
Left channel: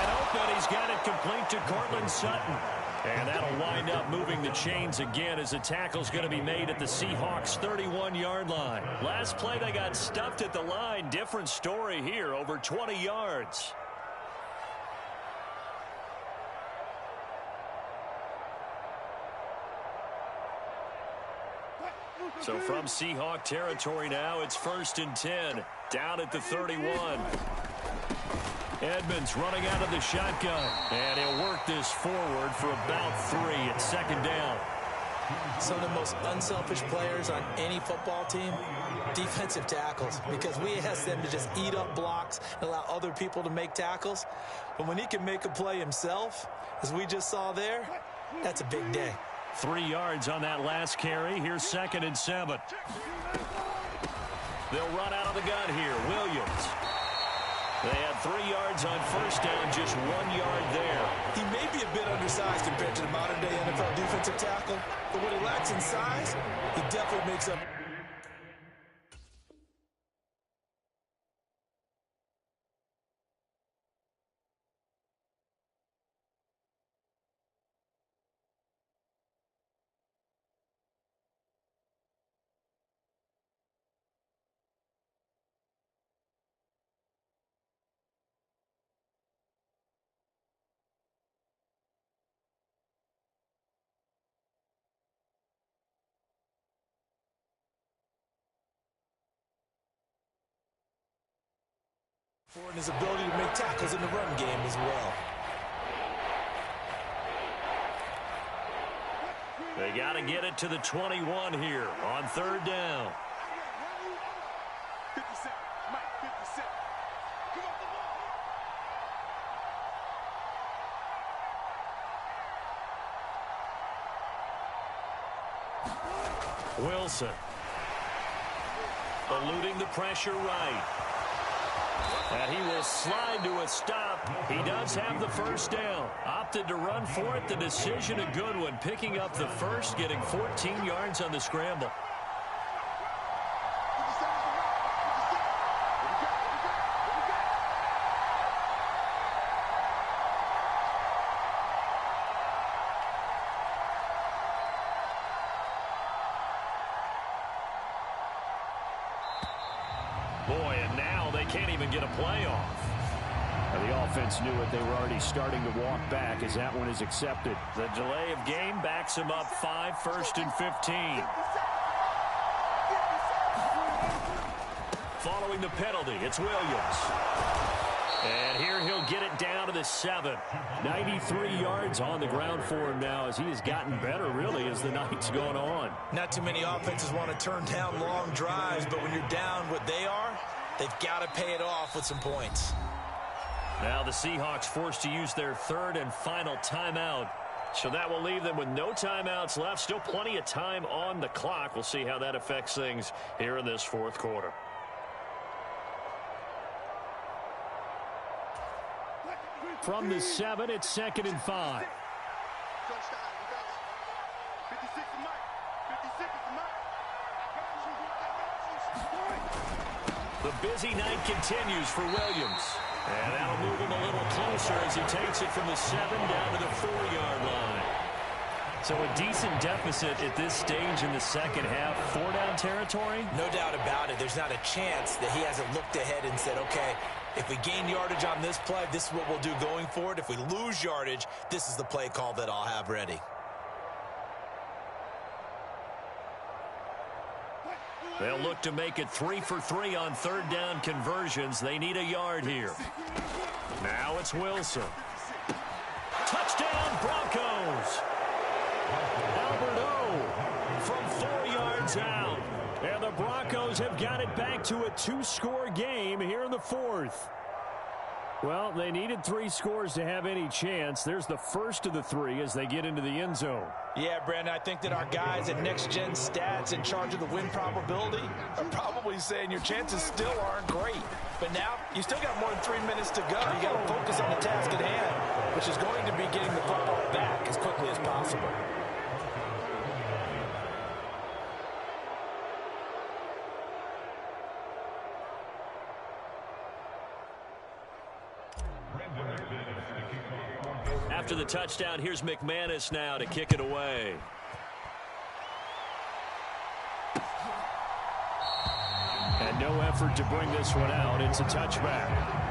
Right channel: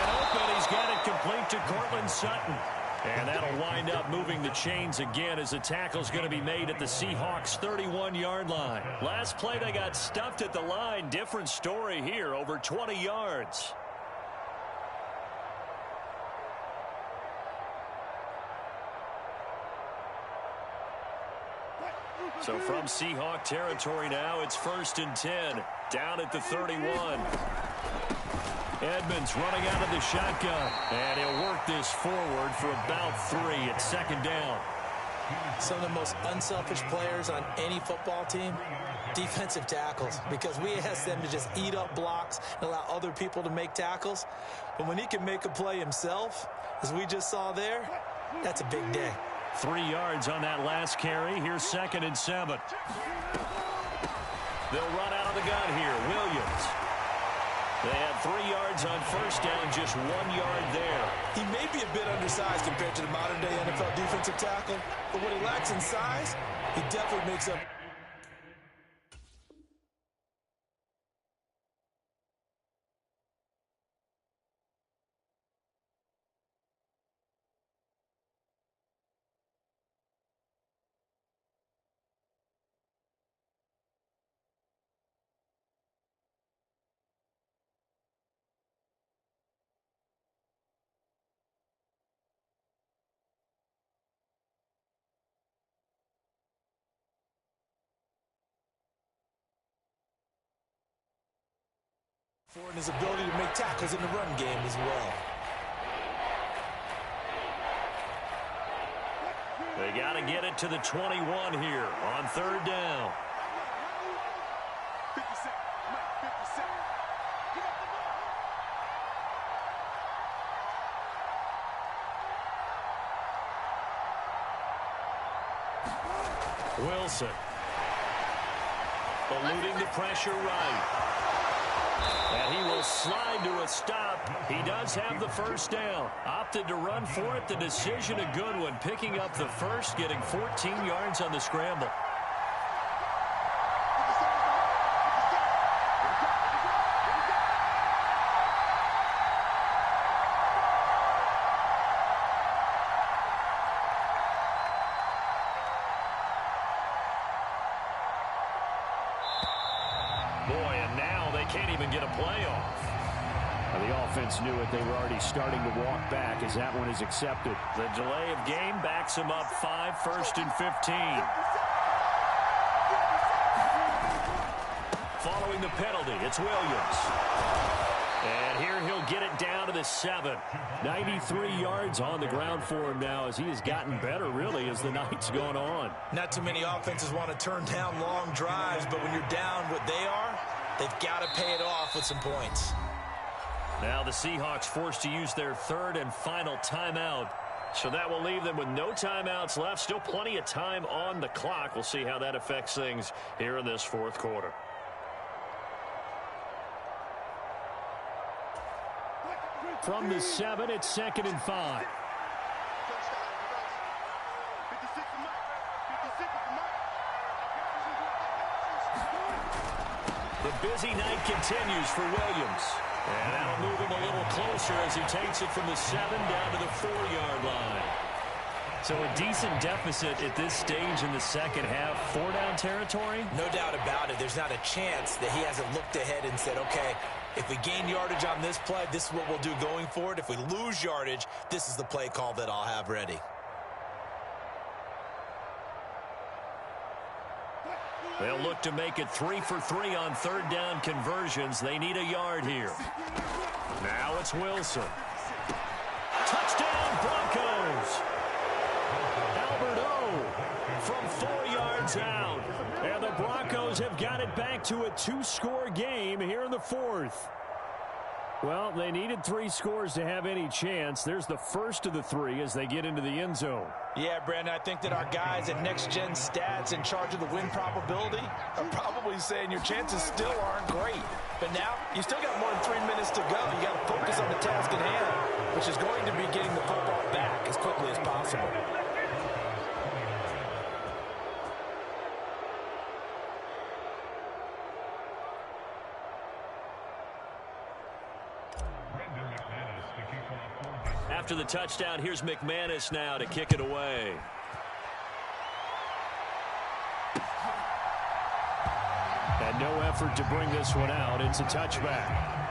Complete to Cortland Sutton. And that'll wind up moving the chains again as the tackle's going to be made at the Seahawks' 31-yard line. Last play, they got stuffed at the line. Different story here, over 20 yards. So from Seahawk territory now, it's 1st and 10, down at the 31. Edmonds running out of the shotgun, and he'll work this forward for about 3 at 2nd down. Some of the most unselfish players on any football team, defensive tackles, because we ask them to just eat up blocks and allow other people to make tackles. But when he can make a play himself, as we just saw there, that's a big day. 3 yards on that last carry. Here's 2nd and 7. They'll run out of the gun here. Williams. They had 3 yards on 1st down, just 1 yard there. He may be a bit undersized compared to the modern-day NFL defensive tackle, but what he lacks in size, he definitely makes up. And his ability to make tackles in the run game as well. They got to get it to the 21 here on 3rd down. 57, Mike, 57. Give up the ball. Wilson. Eluding the pressure right. And he will slide to a stop. He does have the 1st down. Opted to run for it. The decision a good one. Picking up the first, getting 14 yards on the scramble. Boy, and now they can't even get a play off. The offense knew it. They were already starting to walk back as that one is accepted. The delay of game backs him up 5, 1st and 15. Following the penalty, it's Williams. And here he'll get it down to the 7. 93 yards on the ground for him now as he has gotten better, really, as the night's gone on. Not too many offenses want to turn down long drives, but when you're down what they are, they've got to pay it off with some points. Now the Seahawks forced to use their 3rd and final timeout. So that will leave them with no timeouts left. Still plenty of time on the clock. We'll see how that affects things here in this 4th quarter. From the 7, it's 2nd and 5. The busy night continues for Williams. And that'll move him a little closer as he takes it from the 7 down to the 4-yard line. So a decent deficit at this stage in the second half. 4-down territory? No doubt about it. There's not a chance that he hasn't looked ahead and said, okay, if we gain yardage on this play, this is what we'll do going forward. If we lose yardage, this is the play call that I'll have ready. They'll look to make it 3 for 3 on 3rd down conversions. They need a yard here. Now it's Wilson. Touchdown, Broncos. Albert O from 4 yards out. And the Broncos have got it back to a 2-score game here in the 4th. Well, they needed 3 scores to have any chance. There's the first of the 3 as they get into the end zone. Yeah, Brandon, I think that our guys at Next Gen Stats in charge of the win probability are probably saying your chances still aren't great. But now, you still got more than 3 minutes to go. You got to focus on the task at hand, which is going to be getting the football back as quickly as possible. Brendan McManus to kick off. After the touchdown, here's McManus now to kick it away. And no effort to bring this one out. It's a touchback.